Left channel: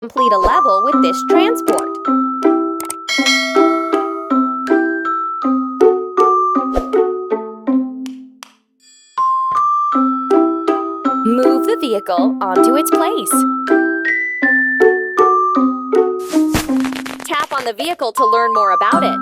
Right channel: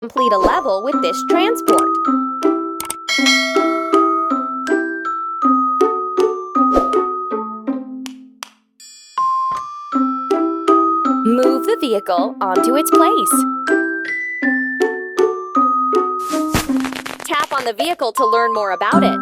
Complete a level with this transport. Move the vehicle onto its place. Tap on the vehicle to learn more about it.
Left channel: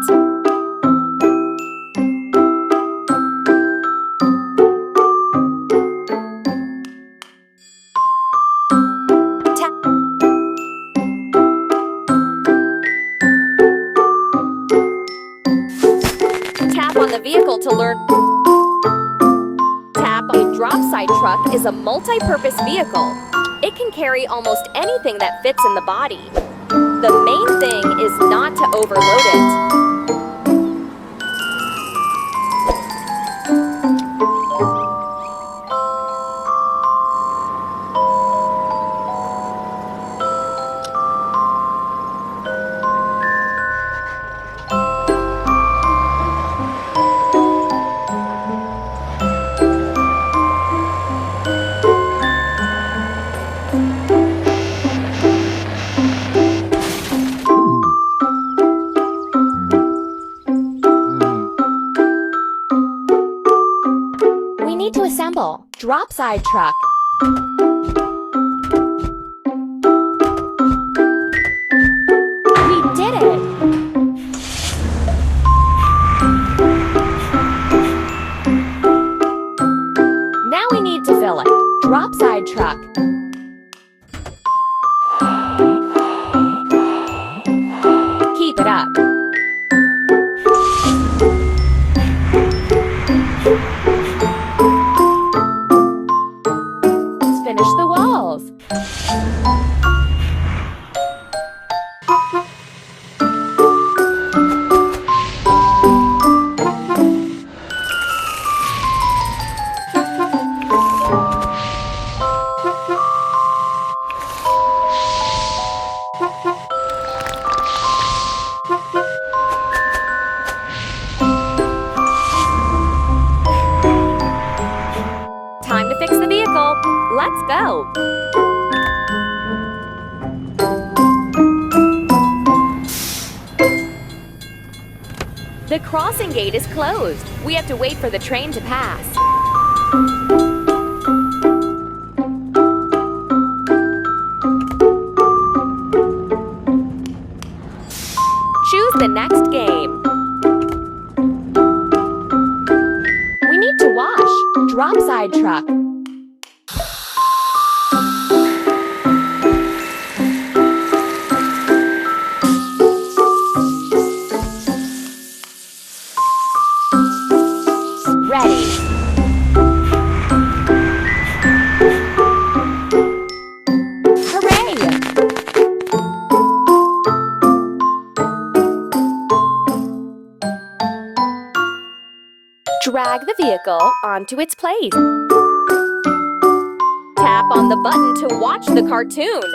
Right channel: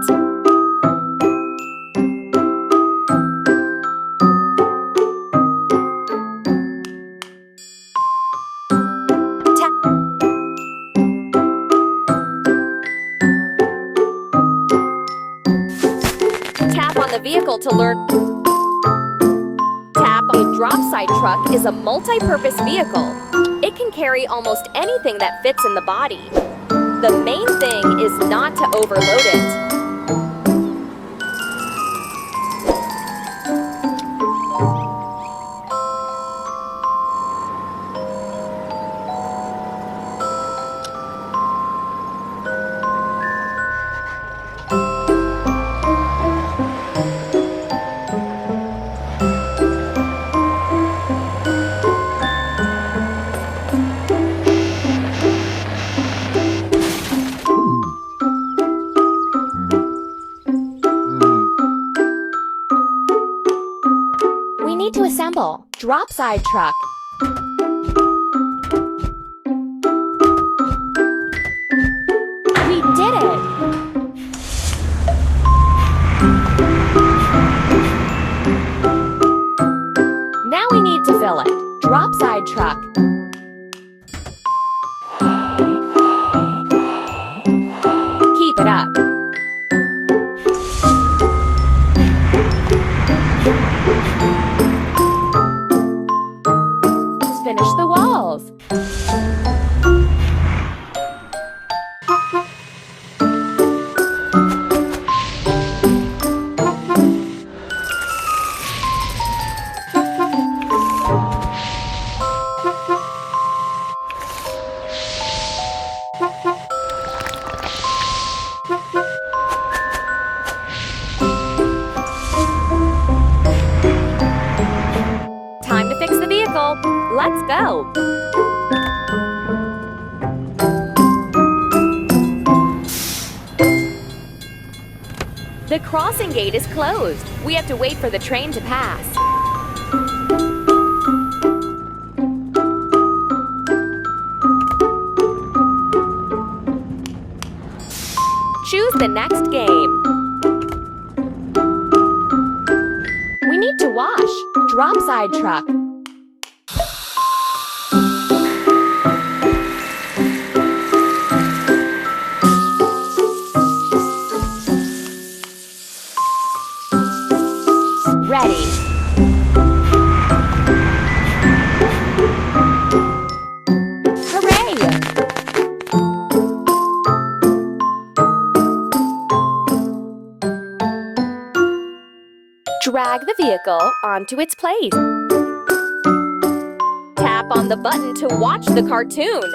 Tap on the vehicle to learn. A drop-side truck is a multi-purpose vehicle. It can carry almost anything that fits in the body. The main thing is not to overload it. To assemble drop-side truck. We did it! Now we need to fill it. Drop-side truck. Keep it up. Finish the walls. Time to fix the vehicle. Let's go! The crossing gate is closed. We have to wait for the train to pass. Choose the next game. We need to wash. Drop-side truck. Ready. Hooray! Drag the vehicle onto its place. Tap on the button to watch the cartoon.